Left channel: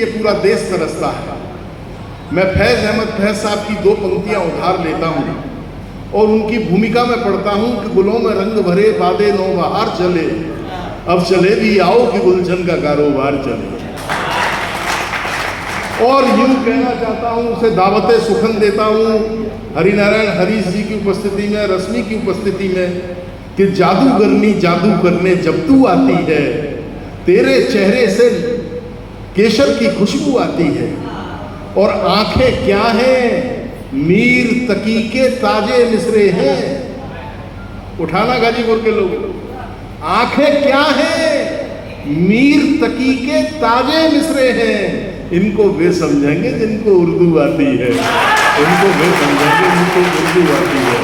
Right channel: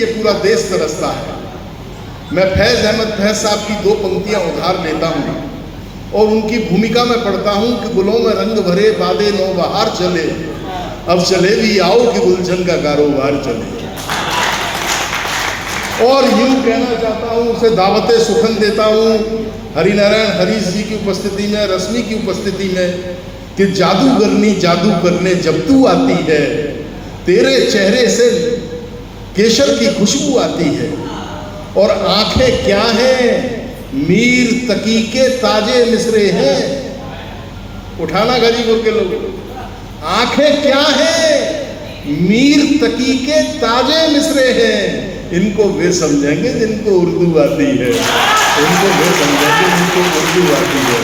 लिए पूरा देश तरसता है। मैं फैज़ अहमद फैज़ साहब की 2 पंक्तियाँ उधार लेता हूँ और उनकी भूमिका में पढ़ता हूँ कि गुलों में रंग भरे बादे नौ बहार चले, अब चले भी आओ कि गुलशन का कारोबार चले। और यूँ कहना चाहता हूँ, उसे दावत सुखन देता हूँ हरिनारायण हरीश जी की उपस्थिति में, रश्मि की उपस्थिति में, कि जादूगरनी जादू करने जब तू आती है, तेरे चेहरे से केशर की खुशबू आती है। और आंखें क्या हैं, मीर तकी के ताजे मिसरे हैं। उठाना गाजीपुर के लोग, आंखें क्या हैं, मीर तकी के ताजे मिसरे हैं। इनको वे समझेंगे जिनको उर्दू आती है, इनको वे समझेंगे जिनको उर्दू आती है।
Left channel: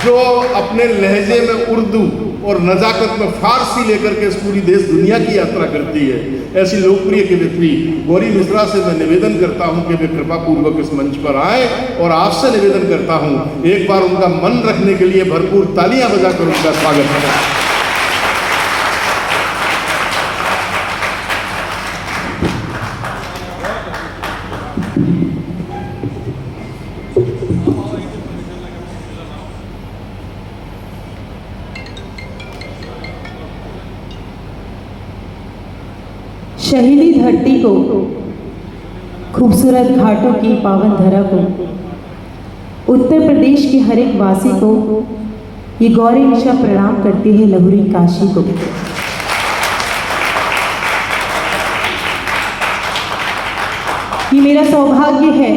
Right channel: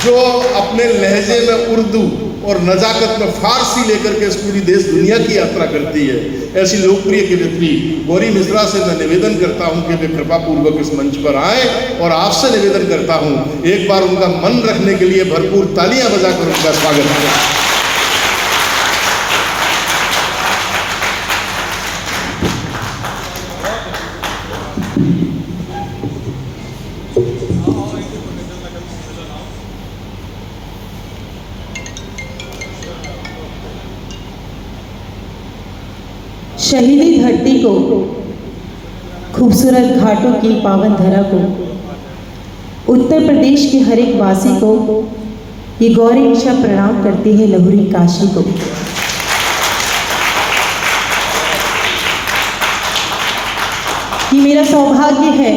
जो अपने लहजे में उर्दू और नज़ाकत में फारसी लेकर के इस पूरी देश दुनिया की यात्रा करती है, ऐसी लोकप्रिय कवियत्री गौरी मिश्रा से मैं निवेदन करता हूं कि वे कृपा पूर्वक इस मंच पर आए। और आपसे निवेदन करता हूं, एक बार उनका मन रखने के लिए भरपूर तालियां बजाकर उनका स्वागत करें। शहीदी धरती को, खूबसूरत घाटों की पावन धरा को, उत्तर प्रदेश के हर एक वासी को ये गौरी मिश्रा प्रणाम करती है लहुरी काशी को। ये मेरा सौभाग्य है,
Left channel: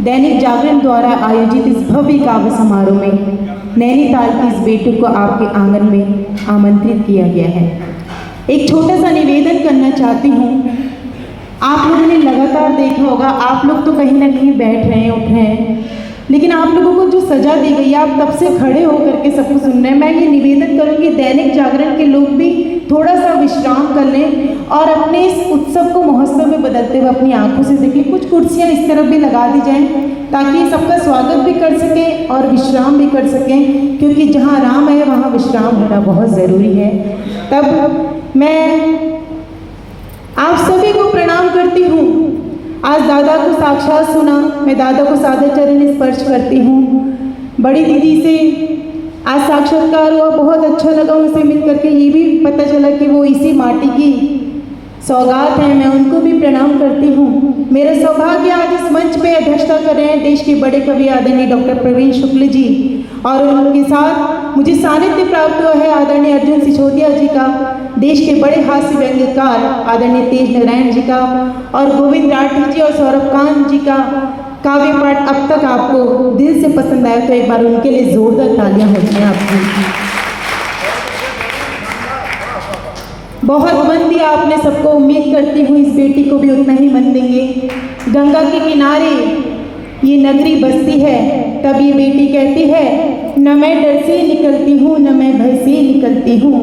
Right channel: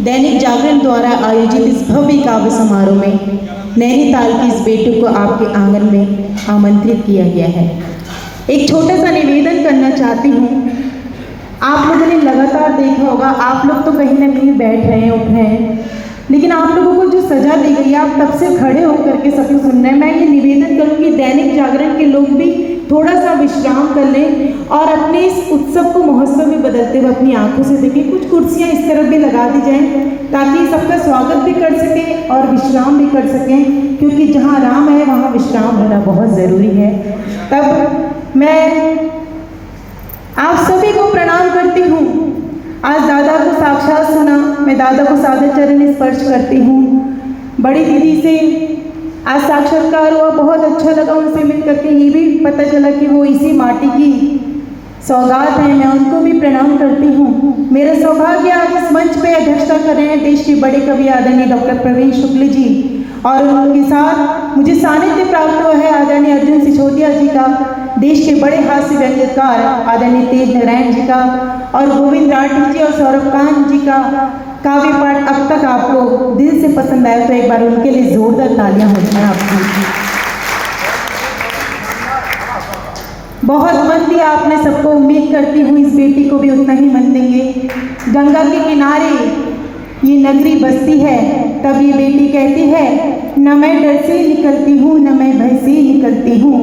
दैनिक जागरण द्वारा आयोजित इस भव्य काव्य समारोह में नैनीताल की इस बेटी को आपके आंगन में आमंत्रित किया गया है। एक छोटा सा निवेदन करना चाहती हूँ। आप लोगों ने लगातार देखा होगा, आप लोग तो कहीं ना कहीं बैठ रहे हैं, उठ रहे हैं, लेकिन आप लोगों को जो सजा दी गई है, आप तब से खड़े होकर के सब कुछ सुन रहे हैं। मैं ये निवेदन करूँगी दैनिक जागरण के लोग भी थोड़ा सा विश्राम कर लें और अपने इस उत्सव को महोत्सव में बदलते हुए अपनी आंखों से देखें। कुछ कुर्सियाँ इस तरफ भी लगा दी जाएँ ताकि सबका स्वागत भी कर सकें और विश्राम भी कर सकें, क्योंकि जहाँ आराम है वहाँ विश्राम होना बहुत ज़रूरी है। तब मैं आप सभी को प्रणाम करती हूँ। आज दादा को साक्षात सुना, मैं दादा को सादर चरण स्पर्श करती हूँ। बड़ी दीदी से आज साक्षात्कार हुआ, बहुत अच्छा लगा उनसे मिल करके। ये भी पता चला कि वो इसी माटी की सौगात है, मैं उनको भी प्रणाम करती हूँ। मेरा सौभाग्य आज इस मंच पे अध्यक्षता कर रहे हैं देश के बड़े कवि आदरणीय डॉक्टर प्रवीण शुक्ल जी, और उनके साथ मुझे सानिध्य प्राप्त हुआ है आदरणीय अर्जुन सिसोदिया जी का, देश के बड़े हास्य व्यंग्यकार आदरणीय तेज नारायण जी का, और गोविंद राठी जी और सौरभ कांत जी का काव्य पाठ अब तक आपको दिल से पसंद आया तो एक बार उनके लिए जोरदार तालियां हो जाए आपकी। बहुत मन दिया आपने सबको, उम्मीद करती हूँ इस बेटी को भी उतना ही मन देंगे। गंगा के किनारे ये नगरी बसती है, तब ये बेटी कहती है, न मैं डर से निकलती हूँ न मैं भय से निकलती हूँ,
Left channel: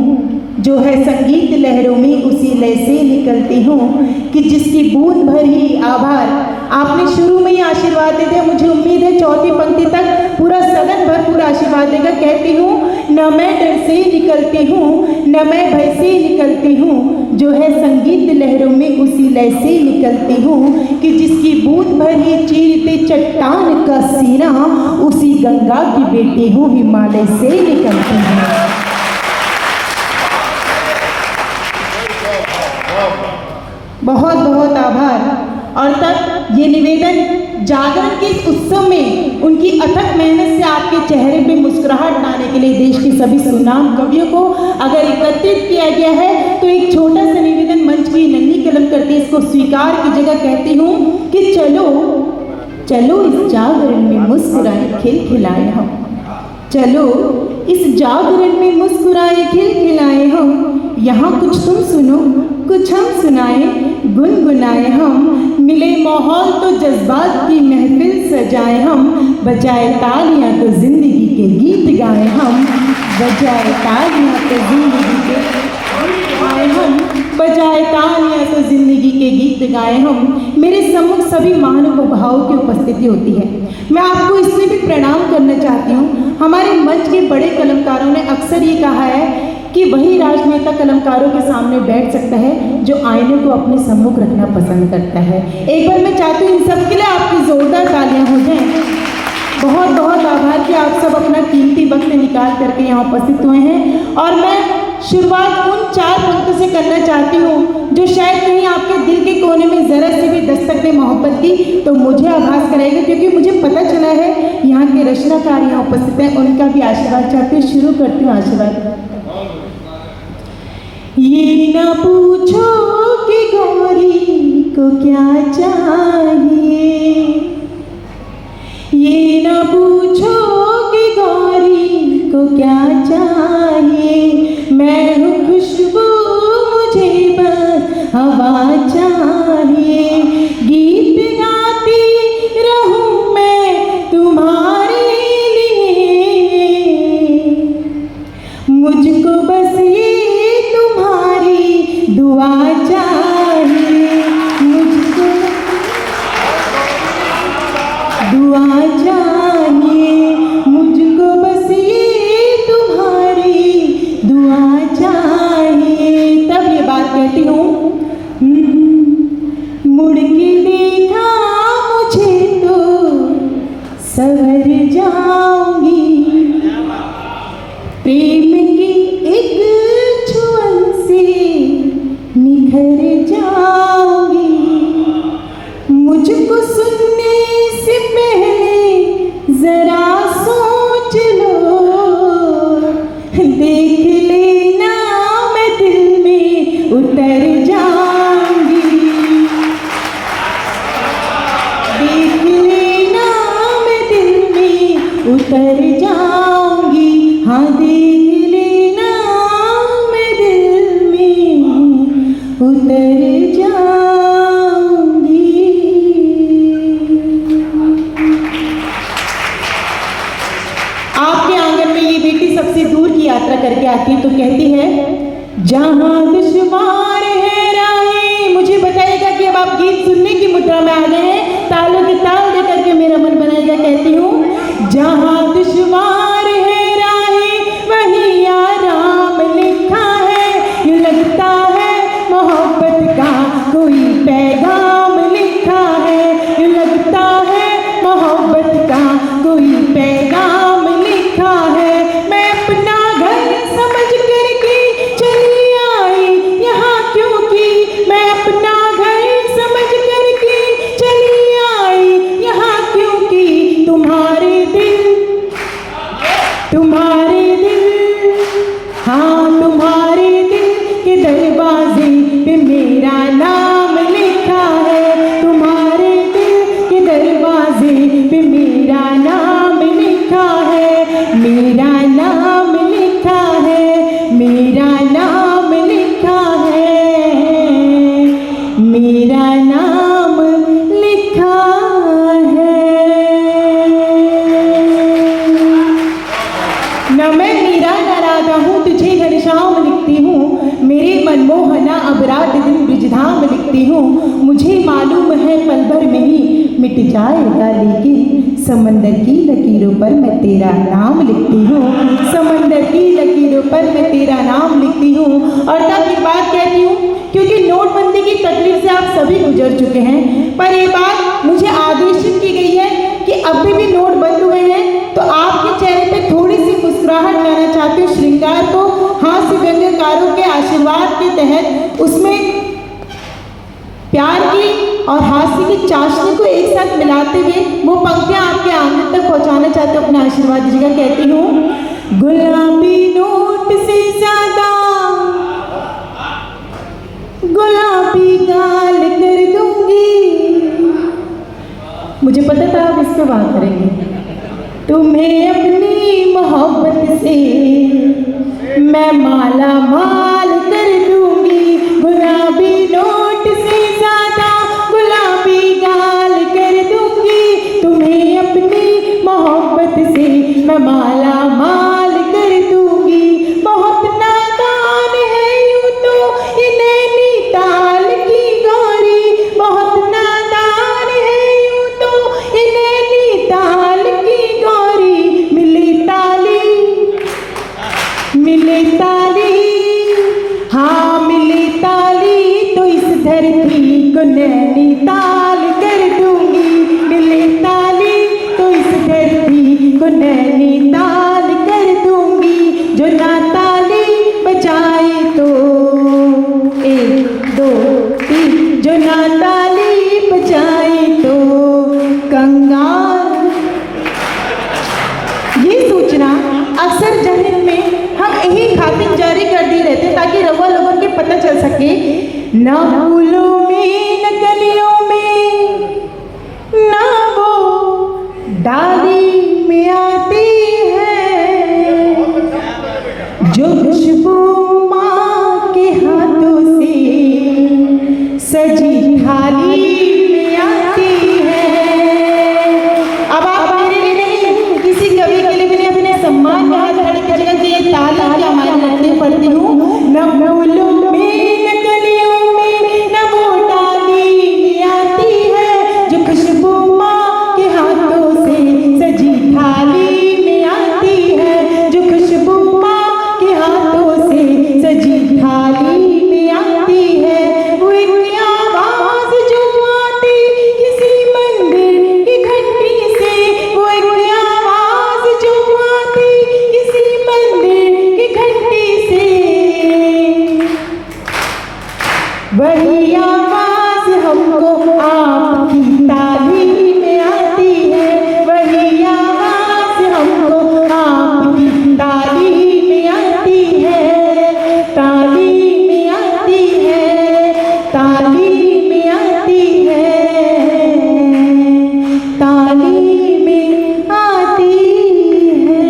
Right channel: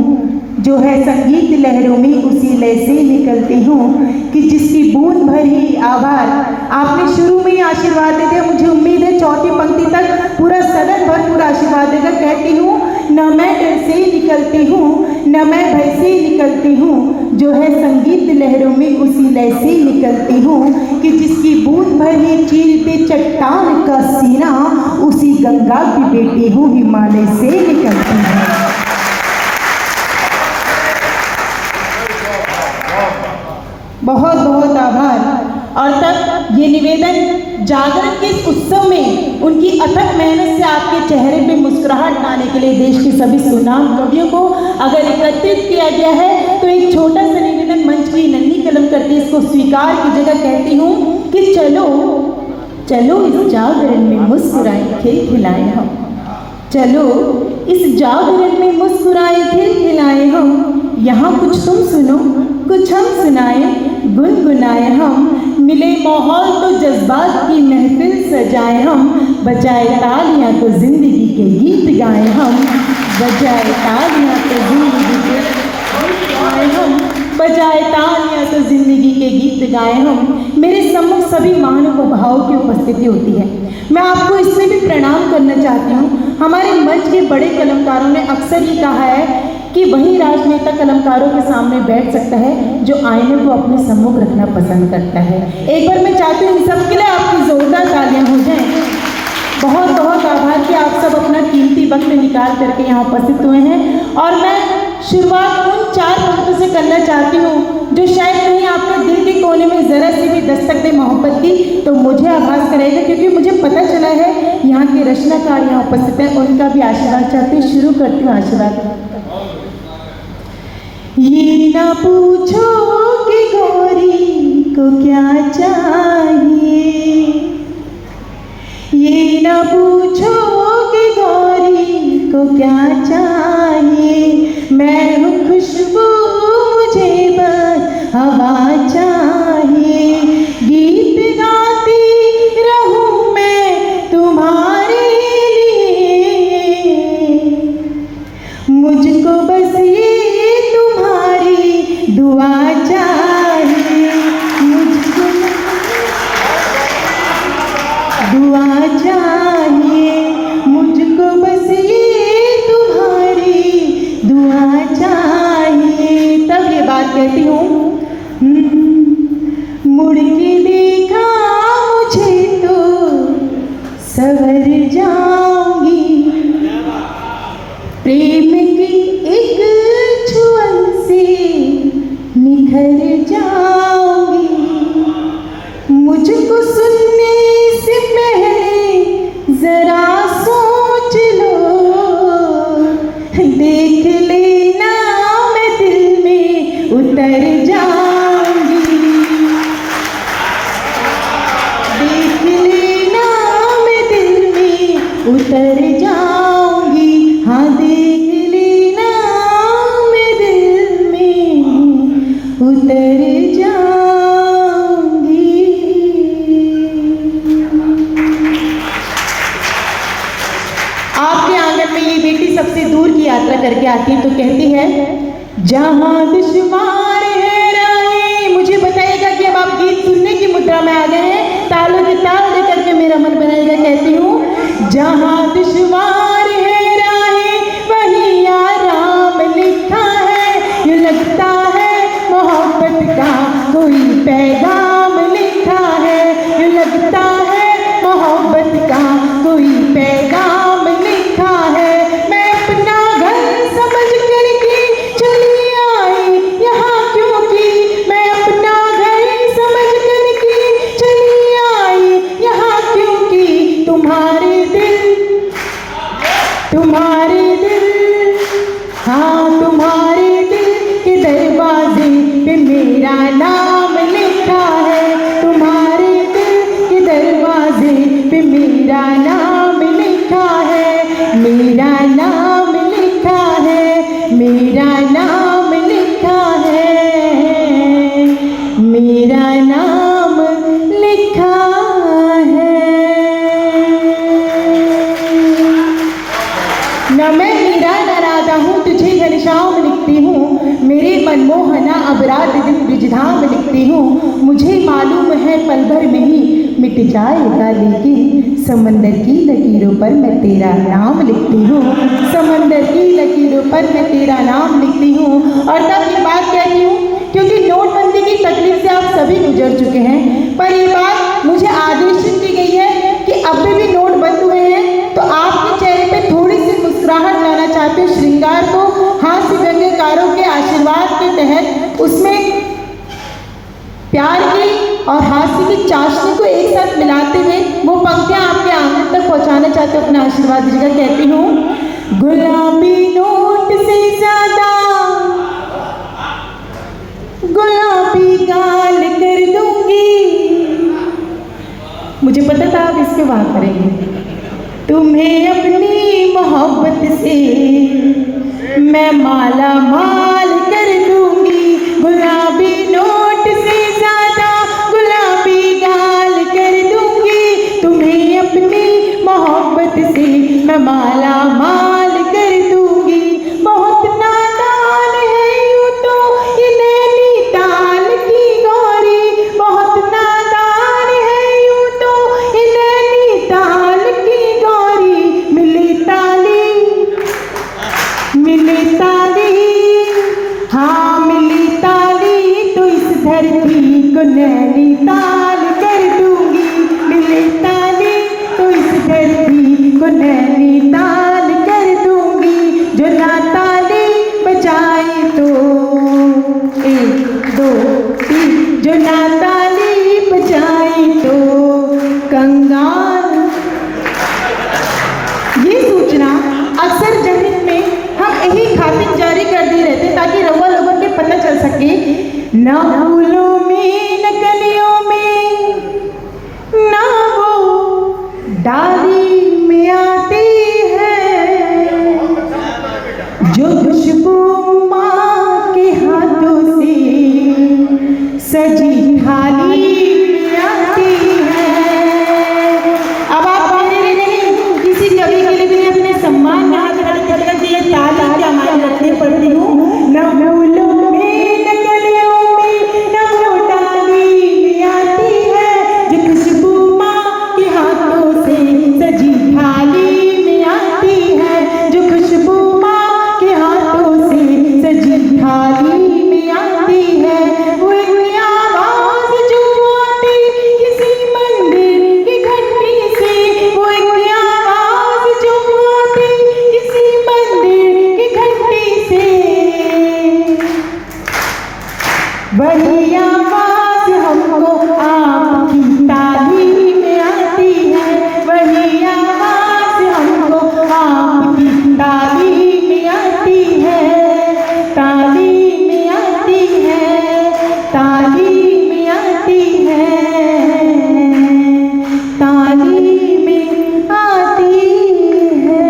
जो है संगीत लहरों में उसी लय से निकलती हूँ, कि जिसकी बूंद भर ही आभार। आपने शुरू में ही आशीर्वाद दे दिया, मुझे उम्मीद है चौथी पंक्ति तक पूरा सदन भरपूर आशीर्वाद देगा। कहती हूँ, न मैं डर से निकलती हूँ न मैं भय से निकलती हूँ, जो है संगीत लहरों में उसी लय से निकलती हूँ, कि जिसकी बूंद भर ही चीरते चट्टान का सीना, उसी गंगा की बेटी हूँ हिमालय से निकलती हूँ। बहुत बहुत आभार। और तब ये निवेदन जागरण के इस उत्सव में उनकी अथक मेहनत से आपके चेहरे पे मुस्कुराहट लाने के लिए देश के सभी सुनाम कवियों को अगर एकत्रित किया गया है, तो एक छोटा सा निवेदन मंच की नन्ही कलम करके इसको स्वीकार की जगह कहती हूँ कि चलो चलो इस जागरण में मुस्कुराए खिलखिलाए हम, चलो इस जागरण में मुस्कुराए खिलखिलाए हम, यहाँ कुछ तुम सुनो कुछ हम सुनाए गुनगुनाए हम, मिले माहौल तो जज्बात की महफिल सजाए हम, बजाए तालियां तो जिंदगी के गीत गाए हम, बजाए तालियां तो जिंदगी के गीत गाए हम, बजाए तालियां तो जिंदगी के गीत गाए हम। मेरे सम्मुख सभी महानुभावों की उपस्थिति होती है। मैं आपको इससे भी प्रणाम करना चाहती हूँ। हमारे मंच के बड़े कलाकारों ने अक्सर ये कहा है कि वही राजनेता कलमकारों के सामने बैठ सकता है जो आईने को अपने सम्मुख रखना पसंद करता है। एक बार मैं चाहती हूँ इन सबके लिए आपकी जोरदार तालियां हो जाएं। बहुत बहुत आभार कि आप सब अपना कीमती वक्त निकाल करके यहाँ उपस्थित हुए हैं। और मैं शुरुआत उन 4 पंक्तों से करना चाहती हूँ जो शायद कहीं आपके दिल के कोने में जरा से भी दस्तक दे मोहब्बत की, तो मुझे आभास करेगा, क्योंकि मुझे पता चला है यहाँ के रचनाकार यहाँ उपस्थित हैं, उनका भी आशीर्वाद चाहती हूँ। शुरू करती हूँ आशीर्वाद। ये ना पूछो कि गौरी को क्या चाहिए, ये ना पूछो कि गौरी को क्या चाहिए, मैं हूँ खुशबू मुझे बस हवा चाहिए, गीत गाती रहूं मैं तुम्हारे लिए, मुझको बस ये तुम्हारी दुआ चाहिए, मुझको दुआ चाहिए, मुझको बस ये तुम्हारी दुआ चाहिए। तब ये बात कहती हूँ, मुड़ के देखा मुझे तो सवर जाऊंगी, प्रेम की एक छुअन से निखर जाऊंगी, मुझको सुनने से पहले जरा सोच लो, देख लेना मैं दिल में उतर जाऊंगी, देख लेना मैं दिल में उतर जाऊंगी, हाँ देख लेना मैं दिल में उतर जाऊंगी। आपके आंगन में ये बेटी सबसे दूर की यात्रा करके आती है तो कहती है, जहां दुश्वार है राहें। मुझे बताइएगा कि अब आप गीत सुनने की मुद्रा में आ गए हैं, तालों के ताल दे करके मेरा मन बनाएगा। कहती हूँ, जहां दुश्वार है राहें वहीं आराम लिखा है, यूं लगता है मोहब्बत का कोई पैगाम लिखा है, यूं लगता है मोहब्बत का कोई पैगाम लिखा है, मैं अपना घर समझ करके चली आई यहाँ, क्योंकि मैं अपना घर समझ करके चली आई यहाँ, क्योंकि तुम्हारे दिल, हाँ तुम्हारे दिल के दरवाजे पे मेरा नाम लिखा है, तुम्हारे दिल के दरवाजे पे मेरा नाम लिखा है, मेरा नाम लिखा है, मेरा नाम लिखा है, मेरा नाम लिखा है। न मैं मीरा न राधा हूँ, तुझे घनश्याम लिखती हूँ, मेरे मनमोहना अपराध दिन ब्रिजधाम लिखती हूँ, मुझे मालूम है पल भर में ही मिट जाएगा, लेकिन समंदर की लकीरों पर मैं तेरा नाम लिखती हूँ, समंदर की लकीरों पर मैं तेरा नाम लिखती हूँ। और तब ये बात कहती हूँ क्योंकि नोटबंदी की तकलीफ से आप सभी गुजर चुके हैं, पर ये बात मुझे आदेशित की गई है कि अभी भी नोट बंद हुए हैं, तो आपके चेहरे पे थोड़ी सी मुस्कुराहट लाना चाहते हो, श्रृंगार को हास्य व्यंग्यकारों के आशीर्वाद के तहत उसमें प्यार की और हास्य की चाशनी को एक साथ मिलाते हुए वो पंक्तियां आपके आंगन तक पहुंचाना चाहते हो, अपना आशीर्वाद दीजिएगा। कहती हूँ, गुलाबी नोट से ज्यादा गुलाबी गाल कर दूंगी, मुझे पता था आप इसके बात करेंगे, तुम्हें अपनी मोहब्बत से मैं माला माल कर दूंगी, गुलाबी नोट से ज्यादा गुलाबी गाल कर दूंगी, तुम्हें अपनी मोहब्बत से मैं माला माल कर दूंगी, बहुत नादान है यूं तो ये नैनीताल की गौरी, बहुत नादान है यूं तो ये नैनीताल की गौरी, मिली ताली नैनीताल कर दूंगी, मिले ताली तो इस धरती को नैनीताल कर दूंगी, जो ना ताली बजाए तो 1 2 3, जो ना ताली बजाए तो कंगाल। ये सूचना अक्सर जहन में हम यही खातिर जारी कर दी रहते ताकि रवा लोगों के पता चल सके, ना फूलों में न कलियों में ना वो डाली में आती है, जो खुशबू माँ के हाथों से सजी थाली में आती है। अब आप मेरे लिए किसी कवि के लिए भी अपने सम्मान में हाथ खड़े कीजिए कि ये ताली क्या मायने रखती पड़ती हूँ। न फूलों में न कलियों में न वो डाली में आती है, जो खुशबू माँ के हाथों से सजी थाली में आती है, जो खुशबू माँ के हाथों से सजी थाली में आती है। वो एक आवाज जो आती किसी मंदिर की घंटी से, वो एक आवाज जो आती किसी मंदिर की घंटी से, वही आवाज हमको आपकी ताली में आती है, वही आवाज हमको आपकी ताली में आती है, ताली में आती है, ताली में आती है, ताली में आती है।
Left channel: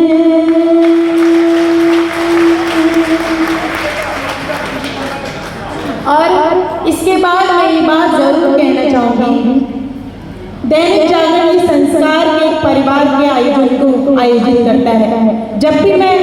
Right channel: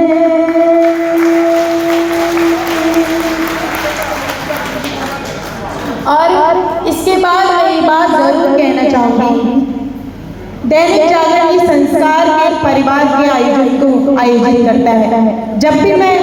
और इसके बाद मैं ये बात जरूर कहना चाहूंगी, दैनिक जागरण इस संस्कार के परिवार के आयोजन को आयोजित करता है। जब भी मैं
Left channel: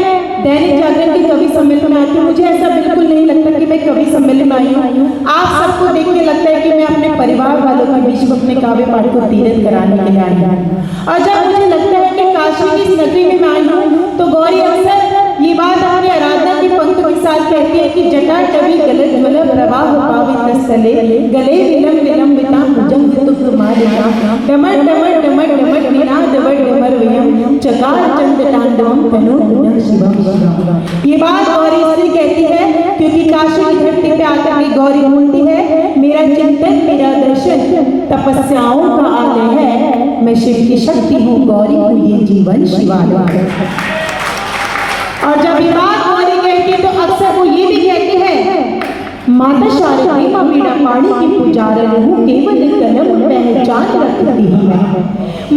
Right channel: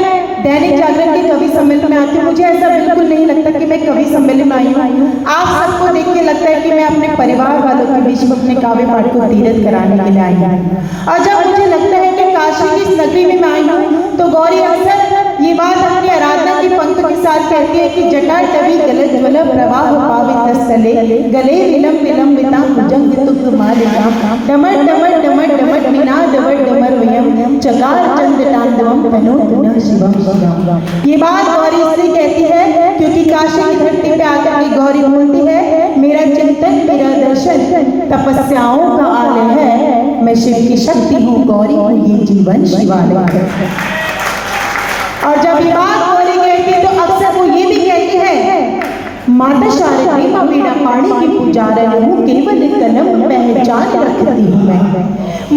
दैनिक जागरण के कवि सम्मेलन में आती हूँ, मुझे ऐसा बिल्कुल नहीं लगता कि मैं कवि सम्मेलन में आई हूँ। आप सबको देख के लगता है कि मैं अपने परिवार वालों के बीच में अपने काव्य पाठ को तीरथ कराने के लिए आई हूँ। और जब मुझे लगता है कि काशी की इस नगरी में मैं आई हूँ, तो गौरी अक्सर ये बात अपनी आराधना की पंक्ति के साथ कहती है कि जटा टवी गलत ज्वल प्रवाह पावित स्थले, गले विलम विलंबिता भुजंग तुक मालिका, डमर डमर डमर डमर निनाद डमर डमर वयम चकार चंद तांडवम तनु पुनः शिवम शिवम। ये बात गौरी इसलिए कहती है क्योंकि काशी की धरती पे आकर के गौरी बोलती है, मेरा चिंतन मेरा दर्शन तपस्याओं का आलय है, मैं शिव की शक्ति हूँ, गौरी हूँ ये जीवन शिवालय है। और जब ये बात गौरी कहती है तो अक्सर वो ये भी कहती है, माता शारदा माँ वीणा पाणी की पुजारन हूँ, केवल कलम पहचान रखती हूँ मैं।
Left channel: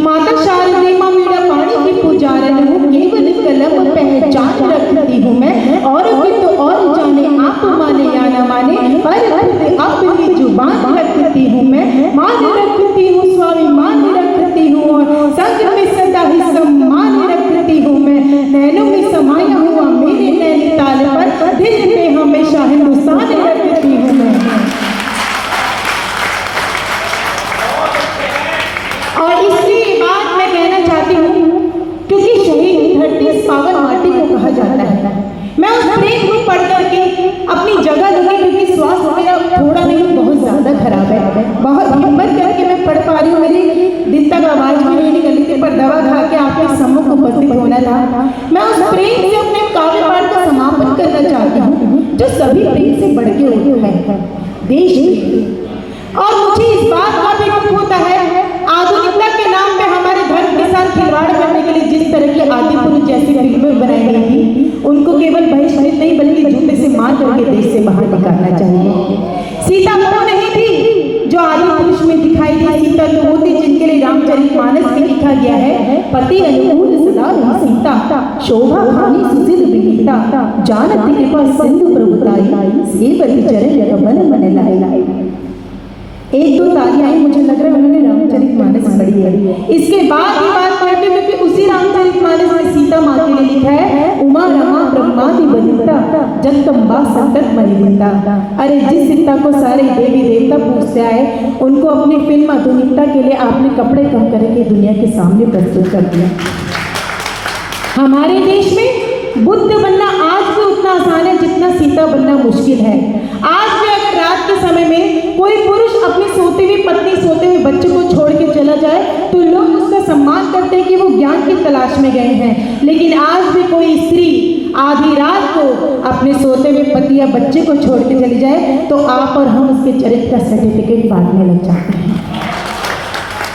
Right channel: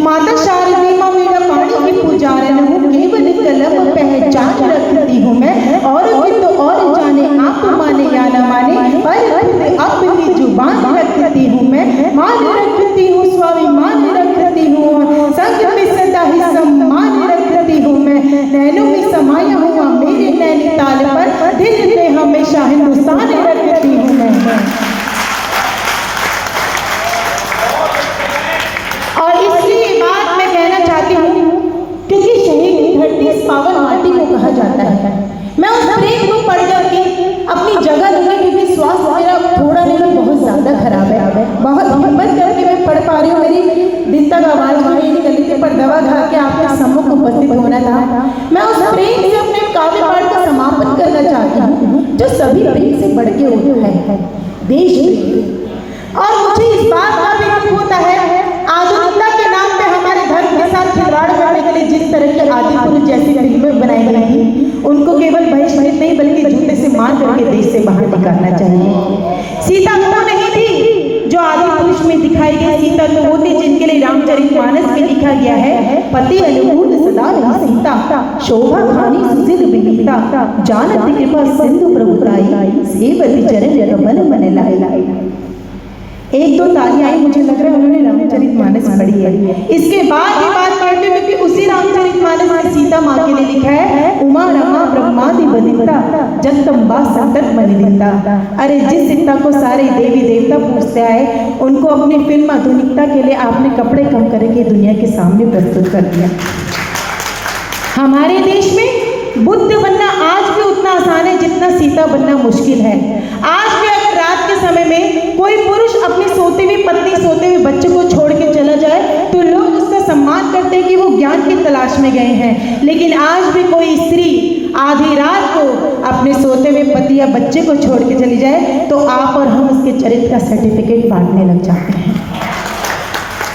माता शारदा माँ वीणा पाणी की पुजारन हूँ, केवल कलम पहचान रखती हूँ मैं। और भी तो और जाने आप माने या न माने, पर खुद अपनी जुबान रखती हूँ मैं। मान रखती हूँ स्वाभिमान रखती हूँ, संग में सदा ही सम्मान रखती हूँ मैं। नैनों में समाया हुआ मेरे नैनीताल पर, दिल में हमेशा हिंदुस्तान रखती हूँ मैं। और इसलिए बात मैं कहना चाहती हूँ, क्योंकि शहीद की धरती इस पावन माटी को कहा जाता है। मैं उस प्रेम को पढ़ करके अपनी जगह लूंगी, क्योंकि स्वास्थ्य मेरा थोड़ा नहीं बहुत ज्यादा खराब है। बहुत हिम्मत करके मैं पढ़ पा रही हूँ, मेरी दिन तक आवाज भी नहीं निकली थी, पर दवा खा के आपके सम्मुख उपस्थित होना था। मैं उस प्रेम से अपने काव्य पाठ का समापन करना चाहती हूँ, जो सभी प्रेम से बढ़ के होता है, देश प्रेम। और मुझे इस बात का भी दुख होता है, आधुनिकता के नाम पे हमारे धर्म के साथ खिलवाड़ करने के लिए जिस तरह की आदि पुरुष जैसी फिल्में बनाई गई थी, उनको केवल बहिष्कृत नहीं बल्कि जूते से मार करके देश से बाहर निकालना चाहिए। सीता वो नहीं थी जो आदि पुरुष में दिखाई गई, सीता तो वो थी जिनके लिए रामचरितमानस में लिखा गया है, पति अनुकूल सदा रही सीता, शोभा खानी सुसिल विनीता, जानत कृपा सिंधु प्रभुताई, सेवति चरण कमल मन लाई। एक दो तालियां मुझे लग रहा है उन्होंने रामचरितमानस पढ़ी है। इसके बाद ये बात कहते हैं कि उसी रामचरितमानस में सीता माँ के लिए लिखा है, उमा रमा ब्रह्मादि बलिता जगदम्बा संकट मलिता। अरे जिस सीता को सारे देवी देवता पूछते आए, उनको अपनी फिल्म आधुनिकता के लिए आपने कपड़े कम करके दुनिया के सामने प्रस्तुत कर दिया। हमारे देश में बुद्ध बनना आज भी उतना आसान है जितना सीता बनना मुश्किल है। आज भी अगर रात के समय में कोई पुरुष अपनी सोती हुई पत्नी अपने सोते हुए पति या बच्चे को छोड़ के चली जाए तो आप और हम उसके चरित्र का सर्टिफिकेट बांटने लग जाते हैं।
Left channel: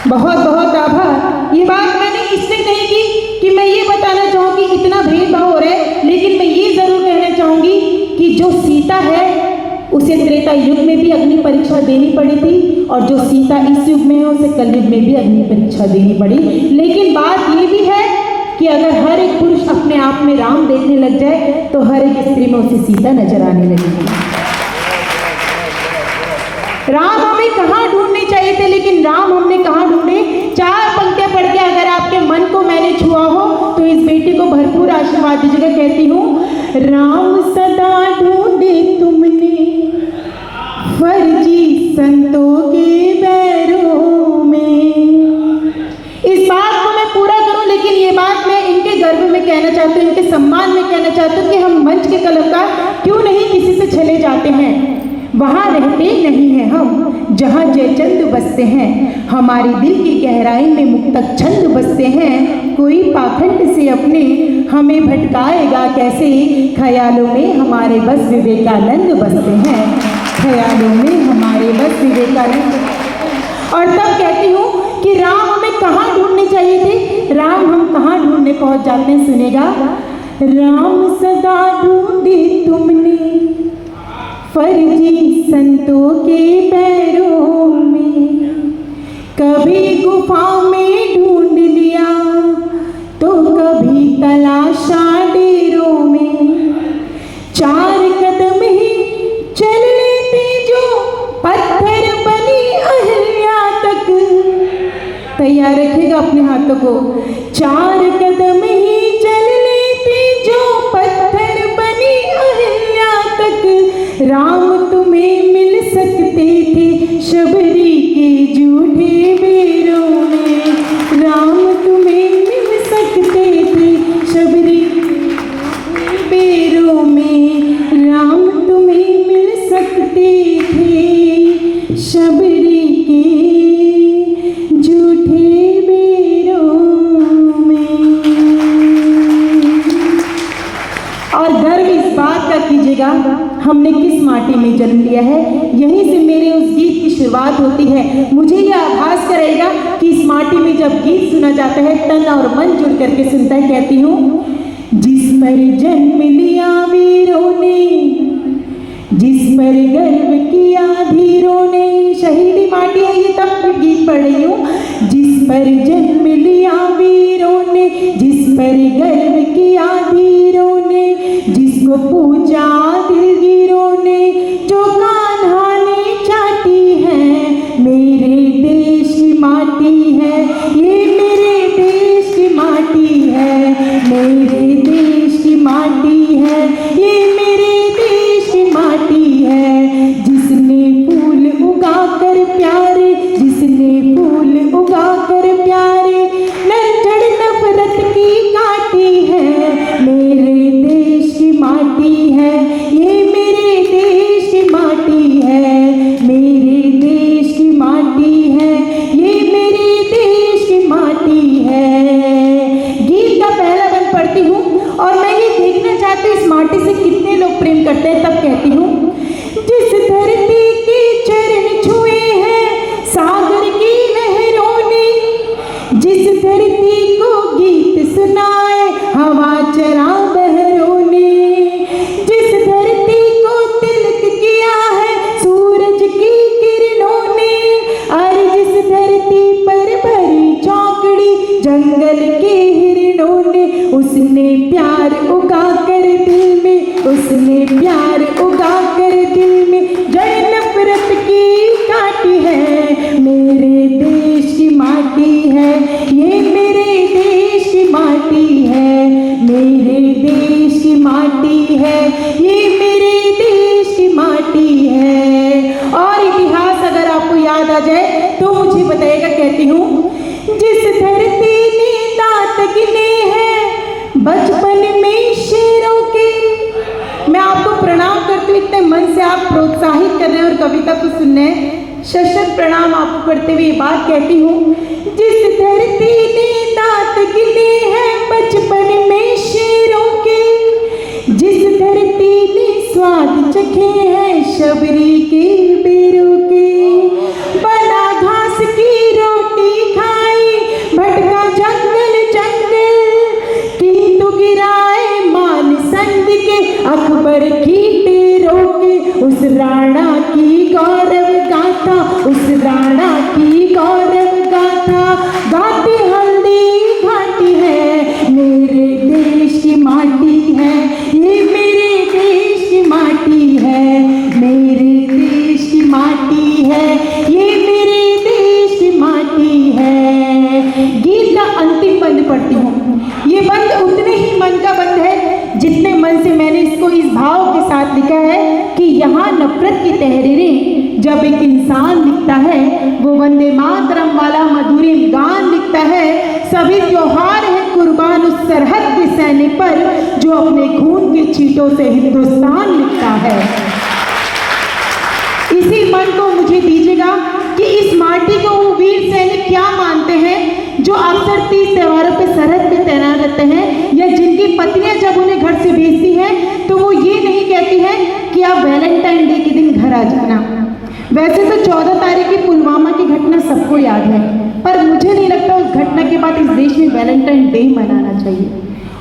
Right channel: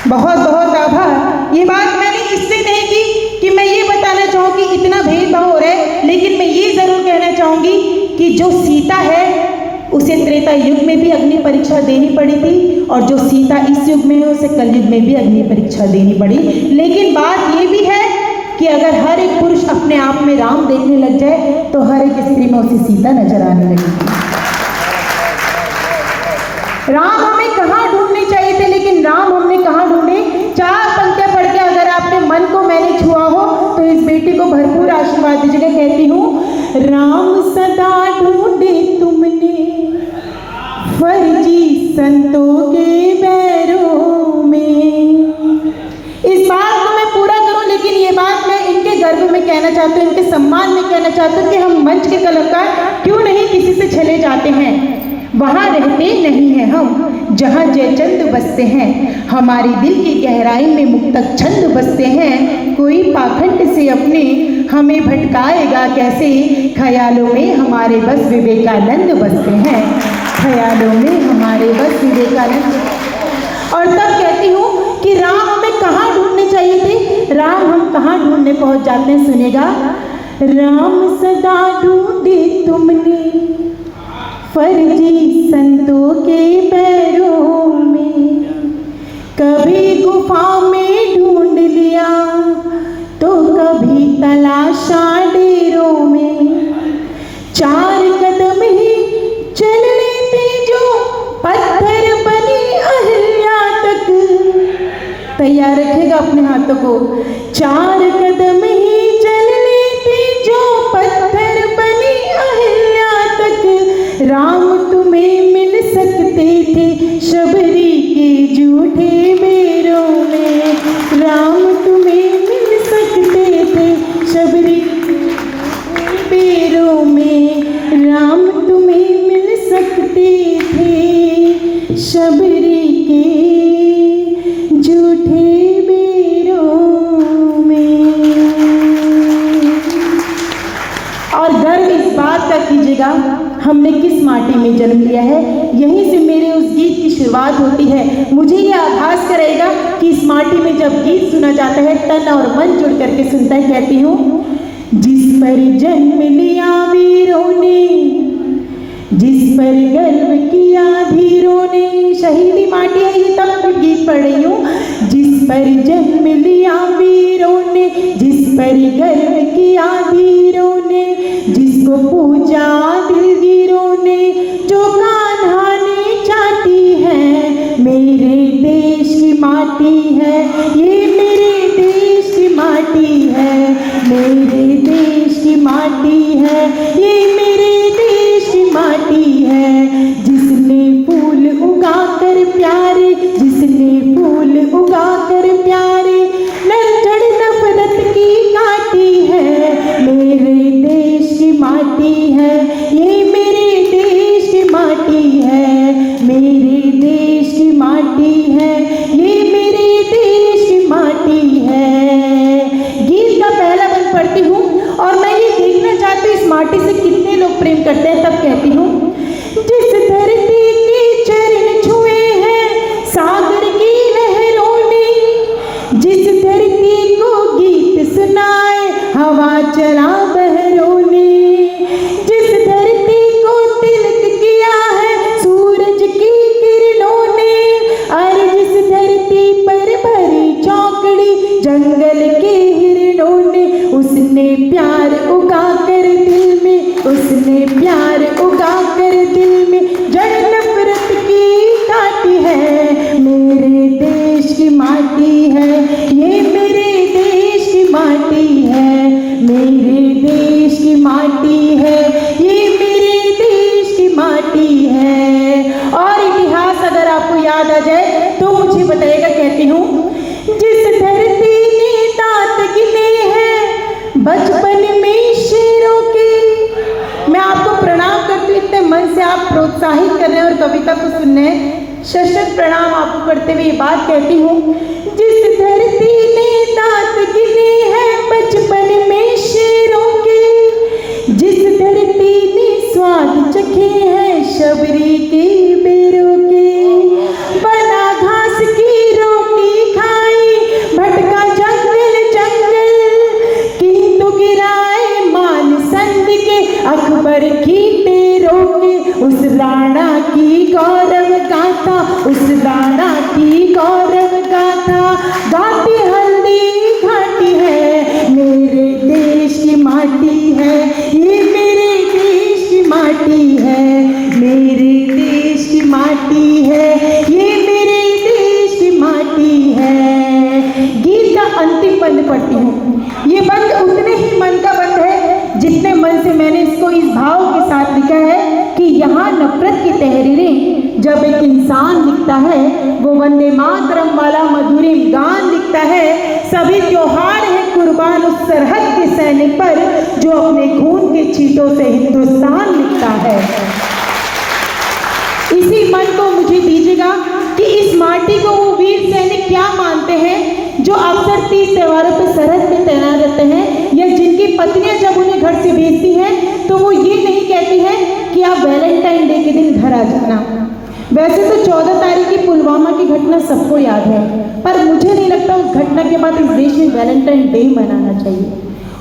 बहुत बहुत आभार। ये बात मैंने इससे नहीं की कि मैं ये बताना चाहूँगी इतना भेदभाव हो रहा है, लेकिन मैं ये जरूर कहना चाहूँगी कि जो सीता है उसे त्रेता युग में भी अग्नि परीक्षा देनी पड़ी थी, और जो सीता इस युग में है उसे कलयुग में भी अग्नि परीक्षा देनी पड़ी। लेकिन बात ये भी है कि अगर हर एक पुरुष अपने आप में राम देखने लग जाए तो हर एक स्त्री में उसे सीता नजर आने लगेगी। राम हमें कहाँ ढूंढने चाहिए थे, लेकिन राम हमने कहाँ ढूंढे। 4 पंक्तियां पढ़ के अगर आपके मन को मैंने छुआ हो तो इस बेटी को भरपूर आशीर्वाद दीजिएगा। कहती हूँ, राम सदा ढूंढे तुमने फर्जी संतों के बैरों में। इस बात को मैं पूरा करूं, लेकिन ये बात मैं इनके गर्व में कहना चाहती हूँ, इनके सम्मान में कहना चाहती हूँ कि हम मंच के कलाकार क्यों नहीं किसी से छले जाते हैं। वहाँ रहते नहीं हैं हम जहाँ जयचंद बसते हैं, हमारी दिल की गहराई में मुक्तक छंद बसते हैं। कोई पाखंड से अपने हमें भटकाएगा कैसे, ख्यालों में हमारे बस विवेकानंद बसते हैं, ख्यालों में हमारे बस विवेकानंद। और तब कहती हूँ कि राम हमें कहाँ ढूंढने चाहिए थे, राम हम कहाँ ढूंढने पहुँच जाते हैं। सुनेगा, राम सदा ढूंढे तुमने फर्जी संतों के पैरों में, कभी गुफा में ढूंढ लिया तो कभी तलाशा डेरों में। 4 कदम ही चल लेते जो पत्थर बनी अहिल्या तक। तैयार रखेगा अपने हाथों को। 4 कदम ही चल लेते जो पत्थर बनी अहिल्या तक। राम तुम्हें मिल सकते थे शबरी के झूठे बेरों में। राम तुम्हें मिल सकते थे शबरी के बेरों में। राम तुम्हें मिल सकते थे शबरी के झूठे बेरों में। और गर्व इस बात का कीजिएगा, हमने किस माटी में जन्म लिया है। यहीं से मेरे उस गीत की शुरुआत होती है। मुझे यह आभास करेगा कि इस माटी में जब गीत सुना जाता है तन और मन जुड़ करके सुनता है। कहती हूँ, जिस पर जन्म लिया वीरों ने, जिस पर गर्व किया धीरों ने। शहीदी माटी है ये, तब गीत पढ़ रही हूँ। जिस पर जन्म लिया वीरों ने, जिस पर गर्व किया धीरों ने, जिसको पूजा दिलगीरों ने, जो कान्हा ने चाटी है। मेरे देश की माटी है ये, मेरे देश की माटी है, मेरे देश की माटी है ये, मेरे देश की माटी है। जिसने फूल उगा कर प्यारे, जिसने फूल उगा कर प्यारे, नरचढ़ नफरत की काटी है। मेरे देश की माटी है ये, मेरे देश की माटी है, मेरे देश की माटी है ये, मेरे देश की माटी है। गीत का पहला बंद पढ़ती हूँ और मैं ये देखना चाहती हूँ इस माटी से कितने लोग प्रेम करते हैं। तब कहती हूँ, जिस धरती के चरण छुए हैं सागर की लहरों ने, जिस धरती को गीत सुनाए हवा चरा बहरों ने, जिस धरती को तिलक किया है सूरज की किरणों ने, और जिस धरती पर भरी चौकड़ी जंगल के हिरणों ने। उसने प्यार उगा कर दिल में, उसने प्यार उगा कर दिल में, जड़ नफरत की काटी है। मेरे देश की माटी है ये, मेरे देश की माटी है, मेरे देश की माटी है ये, मेरे देश की माटी है। और इतिहास अगर आपको याद आ जाए तो मुझे बताइएगा। कहती हूँ, जिस धरती ने दांत गिने हैं बचपन में शेरों के। मैं आपको प्रणाम करती हूँ, इतने मन से आप प्रोत्साहित कर रहे हैं और कविता को सुन रहे हैं। सशक्त प्रणाम आपको करते हुए ये बात कहती हूँ, जिस धरती ने दांत गिने हैं बचपन में शेरों के, जिस धरती ने वो वंदे मातरम वाला मधुरी गान लिखता है। सभी त्योहार है कुर्बान उस सरहद के सैनिक पर जो अपने खून के छींटों से हिंदुस्तान लिखता है। इसी मन को मुझे दीजिएगा कि इस माटी को वो वीर सैनिक क्या मानते हैं जो अक्सर 30 त्योहारों पे सरहद पे तैनात रहते हैं, या जिनकी पत्नियां जब उन्हें घर से भेजती हैं तो वो ये नहीं कहती हैं कि आप वैलेंटाइन डे के दिन घर आ जाना। वैसे तो 14 तारीख की पुलवामा की घटना सबको याद है, पर मुझे नहीं लगता उस घटना के बाद इस देश में वैलेंटाइन डे मनाना चाहिए।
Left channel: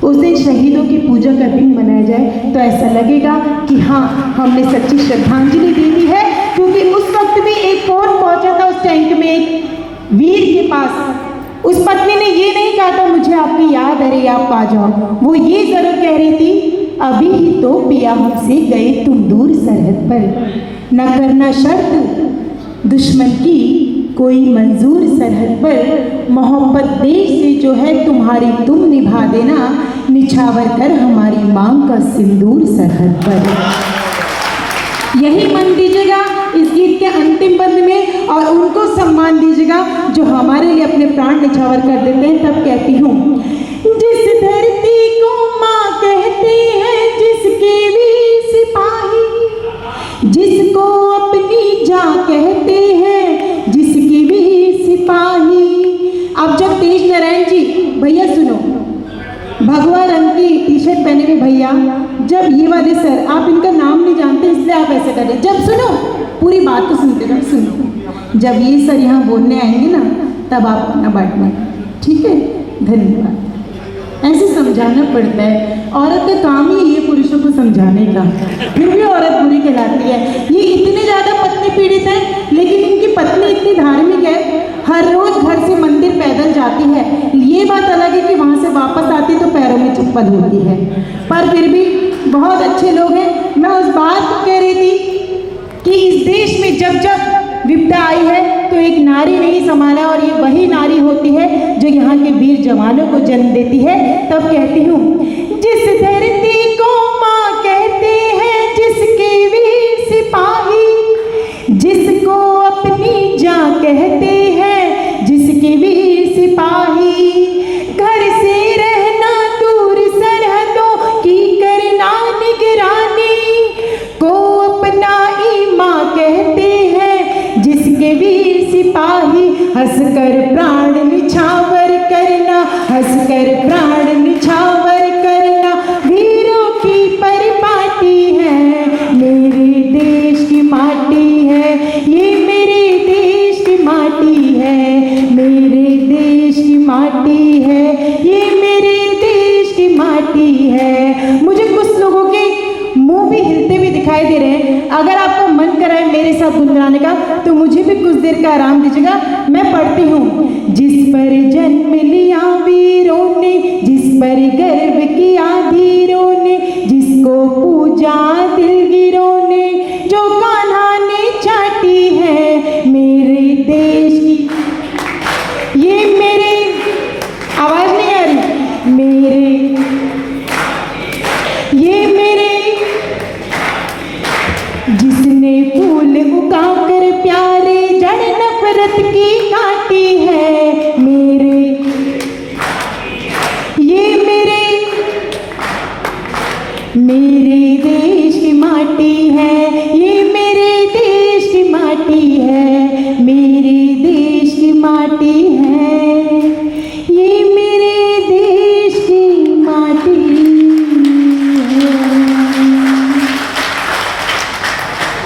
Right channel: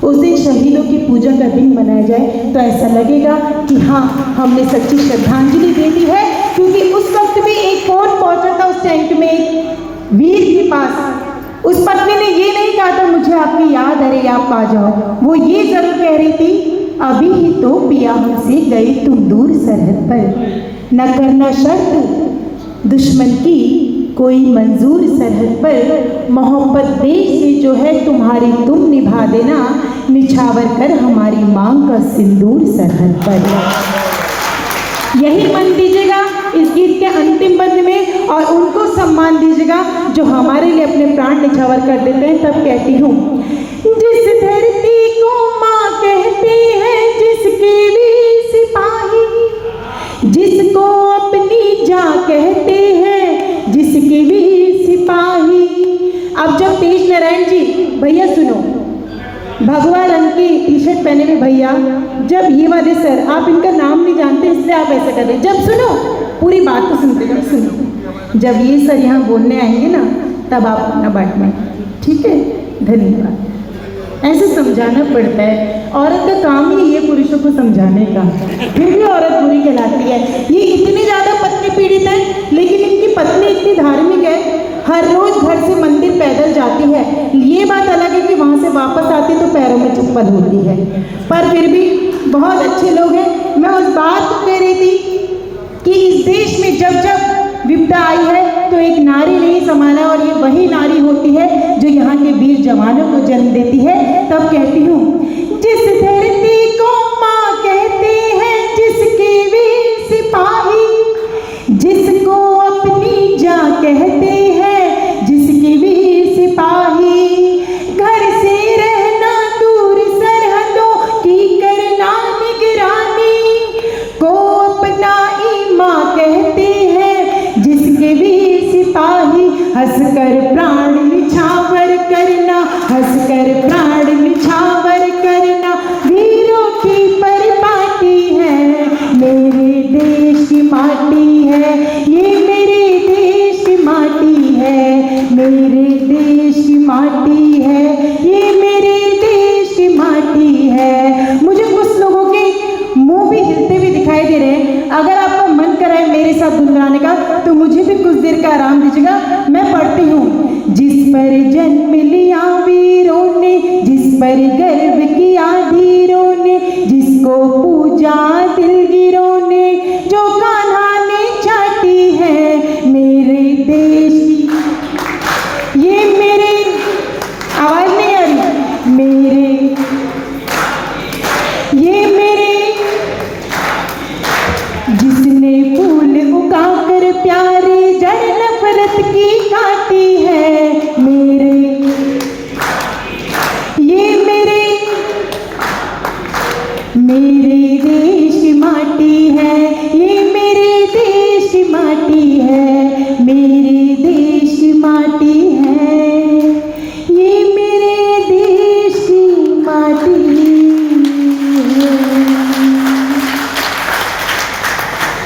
उस दिन शहीदों की पूजा का दिन मनाया जाए तो ऐसा लगेगा कि हाँ, हमने सच्ची श्रद्धांजलि दे दी है। क्योंकि उस वक्त में एक कौन पहुंचा था उस टैंक में एक वीर के पास, उस पत्नी ने ये नहीं कहा था मुझे आपकी याद, अरे आप आ जाओ। वो ये जरूर कह रही थी, अभी ही तो पिया हमसे गई तुम दूर सरहद पर, न करना शर्त दुश्मन की कोई मंजूर सरहद पर, मोहब्बत देश से जो है तुम्हारी तुम निभा देना, निछावर कर हमारी मांग का सिंदूर सरहद पर। यही मन दीजिएगा इस गीत के अंतिम बंद में, और उनको सम्मान दीजिएगा जो हमारे लिए अपने प्राण निछावर कर देते हैं। तब कहती हूँ, जिस धरती को माँ कहते हैं, जिसके भी सिपाही, जिसको अपनी जान कहते हैं, जिसके भी सिपाही। अब जब तेज नारायण जी, भैया सुनो, भगवा रंग की टी शर्ट पहने हुए भैया, जब ये वाले सर, आप इनका नाम नहीं जानते इसलिए आप ऐसे करें, जब सुनो पूरी बात तो सुनते रहो, सुनो, जब ये सर यहाँ बोलने आएंगे ना तब आप अपना बांटना, ठीक है? धन्यवाद। ऐसे समझाना पड़ता है, औरत का काम ही ये पुरुषों को समझाने का, फिर भी औरत बुरी कहलाती है। ये इतने ज्यादा पत्नी पीड़ित है, लेकिन इनकी पत्नी इतनी धार्मिक है, हर रोज घर से मंदिर पैदल जाती है। ये बात अलग है कि वहां से वापस आती तो पैरों में चप्पल होती है, पर फिर भी बहुत अच्छे लोग हैं। मैं उस बात को कह रही थी कि इस देश में जब जब विपदा आई है तो एक नारी नहीं संभाला, और ये वही नारी होती है जो यहाँ के वीर जवानों को जन्म देती है। तब कहती हूँ, जिस धरती को माँ कहते हैं, जिसके वीर सिपाही, जिसको अपनी जान कहते हैं, जिसके वीर सिपाही, घर से रहना दूर सरहदों की करना निगरानी, को अपना ही माँ कहते हैं, जिसके वीर सिपाही, हंसकर प्राण निछावर करना, हंसकर प्राण निछावर करना, वीरों की परिपाटी है, मेरे देश की माटी है, ये मेरे देश की माटी है, मेरे देश की माटी है, ये मेरे देश की माटी है। मुझे कुछ लोगों के मुंह भी हिलते हुए दिखाई दे रहे हैं, अगर आपका मन कर रहा है मेरे साथ गुनगुनाने का तो मुझे भी कुछ देर का आराम दीजिएगा। मैं पढ़ती हूँ, जिस पर जन